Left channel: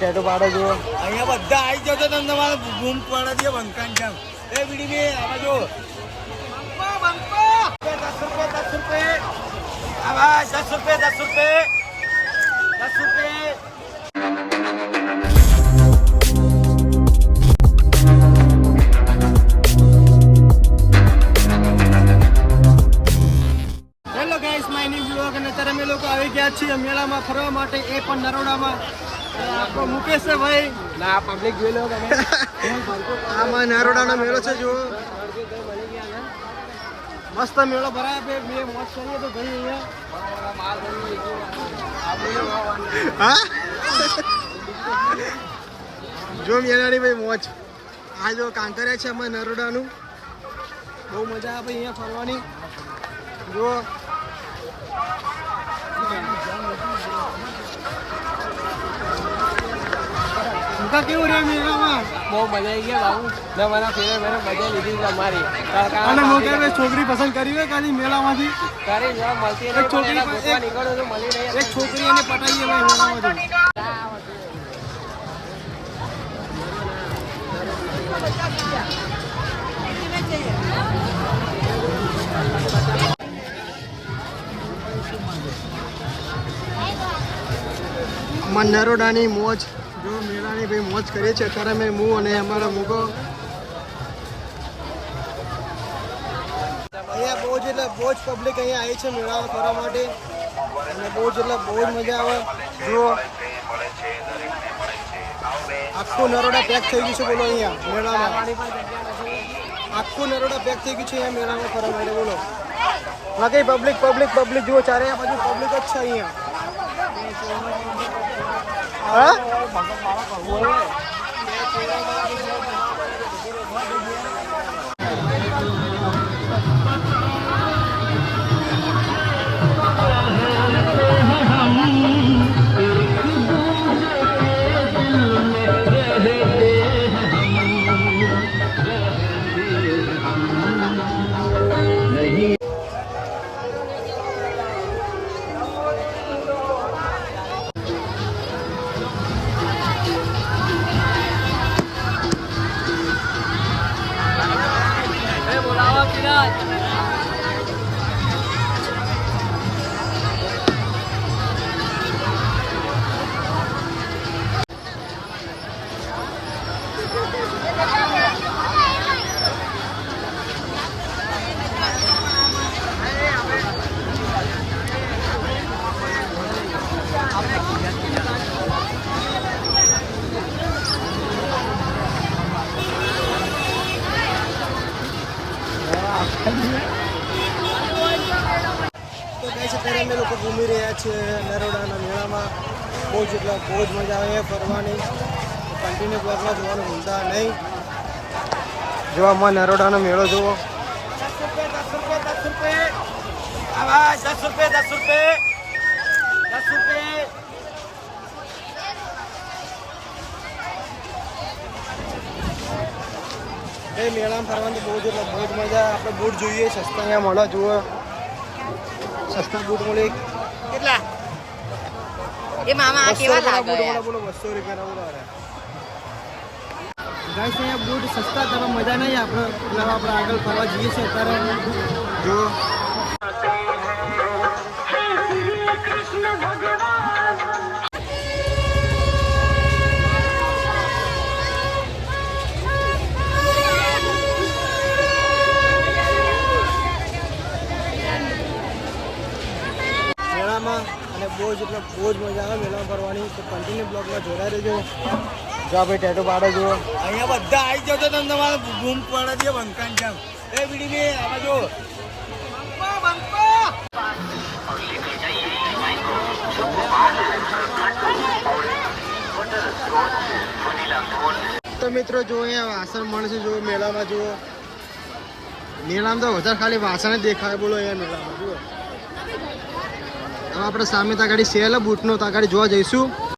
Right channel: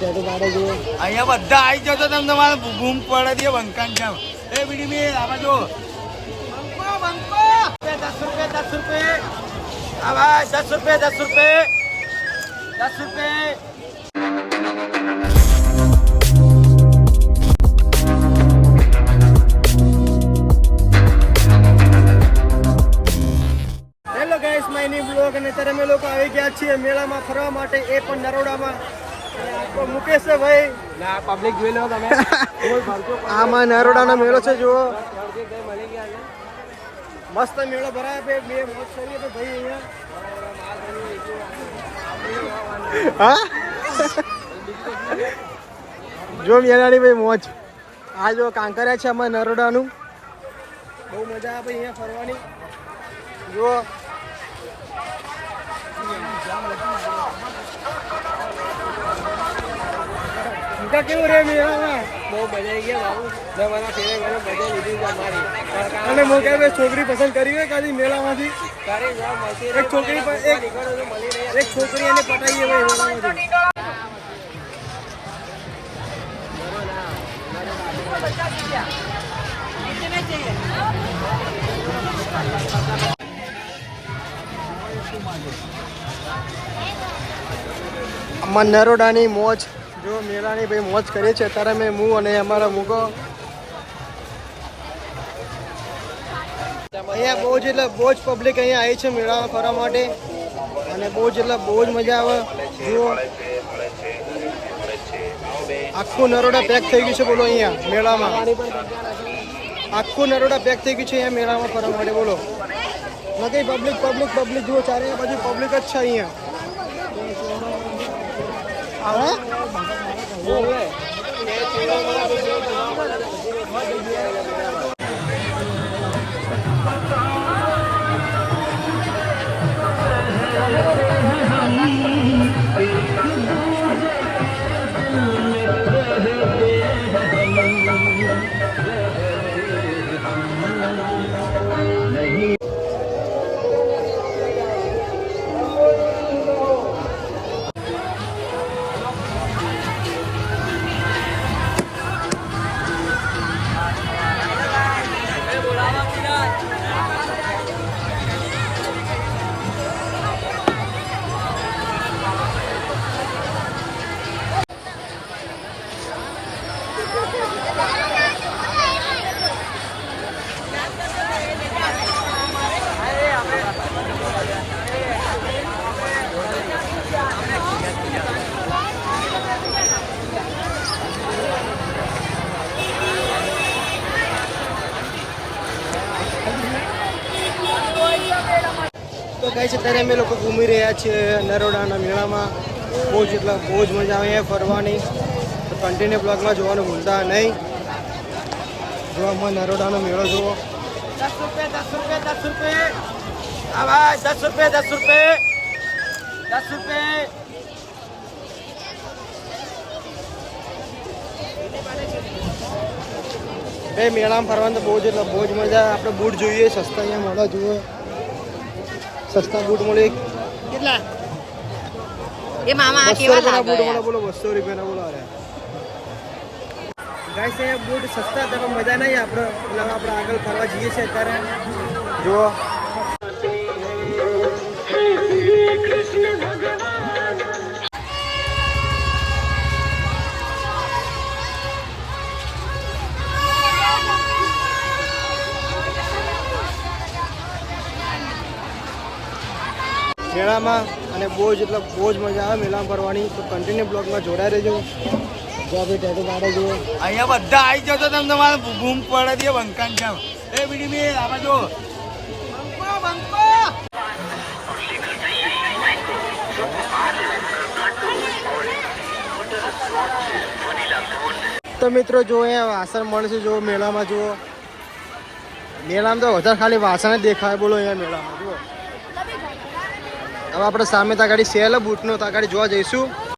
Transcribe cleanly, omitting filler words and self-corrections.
tattoo પાડો જુઓ અહીંયા બધા આવી જતો તમે તમારે બૂમ પડે દે બંકાન છે એ બીડી બી આવે જો 10 રૂપિયા hello guys my new blog અને અત્યારે અમે લોકો આવી ગયા છીએ મેળામાં ફરવા માટે એ પણ નરોડામાં આપકો મુકેશ છે ભાઈ ના પબ્લિક મેળો તમે આમાં નરોડાનો મેળો છે જુઓ મસ્ત મેળો ભરાય બે મોજ કરીએ તો ભાઈ અહીંયા હા જો મેળાની ભાઈ મોજ આ જો કાંકરિયા છે આમાં નરોડાનું બહુ મજા આવે અહીંયા ફરવાની જુઓ કેવું રે મેળામાં બહુ મજા આવી ગયા બાબુ મારા ફેરે મને મજા લીધી છે અમારી અને હું કે છોકરી પસંદ કરી હોય ખાલી મેળામાંથી એક છોકરી એક છોકરી એને પટાઈએ ભાઈ મેળામાંથી નરોડાની મોજ જો મેળાની ભાઈ મોજ કરીએ છીએ અત્યારે મેં હું અને અમારા મૂકો અહીંયા બહુ જ એટલે બહુ જ પબ્લિક અહીંયા આવી છે મેળામાં ફરવા માટે અને બહુ જ એટલે બહુ જ મજા આવે જો આખું નરોડા પેક થઈ ગયું છે બોલો અહીંયા મેળામાં આખું નરોડા પેક થઈ ગયું છે અહીંયા મેળામાં ફરવા માટે બોલો બાકી પબ્લિક જુઓ ચારે બાજુ પબ્લિક જ છે અહીંયા હા તો કઈ છે ત્યારે અમે લોકો ઘૂમી રહ્યા છીએ નરોડાના મેળામાં બહુ જ મજા આવે અહીંયા ફરવાની કન્ટિન્યુ બ્લોગમાં જોવાનું ભૂલતા નહીં જોવામાં નરોડાનો મેળો જુઓ 10 રૂપિયા એ મેળામાં ફરવાનું તો બહુ જ મજા આપણે બૂટ જોઈએ સસ્તા અહીંયા મળે જુઓ સસ્તા બૂટ મળે કેટલા એ મામા 200 રૂપિયાના બૂટ મળે બોલો 200 રૂપિયાના બોલો ગાઈસ અહીંયા બૂટ સસ્તા તમે મજા નહીં આપણે એટલે આપણે આગળ ફરવા જઈએ છીએ અત્યારે જુઓ મેળામાં અને બહુ જ મજા આવે મેળામાં ફરવાની તો કન્ટિન્યુ બ્લોગમાં જોડાઈ રહેજો જો ભાઈ ટેટુ પાડો જુઓ અહીંયા બધા આવી જતો તમે તમારે બૂમ પડે દે બંકાન છે એ બીડી બી આવે જો તો મિત્રો જો અહીંયા વાસણ મળશે જો મેળામાં જુઓ મેળામાં તો વધારે ખાલી વાસણ જ દેખાય બોલો અહીંયા મેળામાં જુઓ હવે આપણે સામે તાગાડી સેલ બૂટનો તાગાડી જોવા જઈશું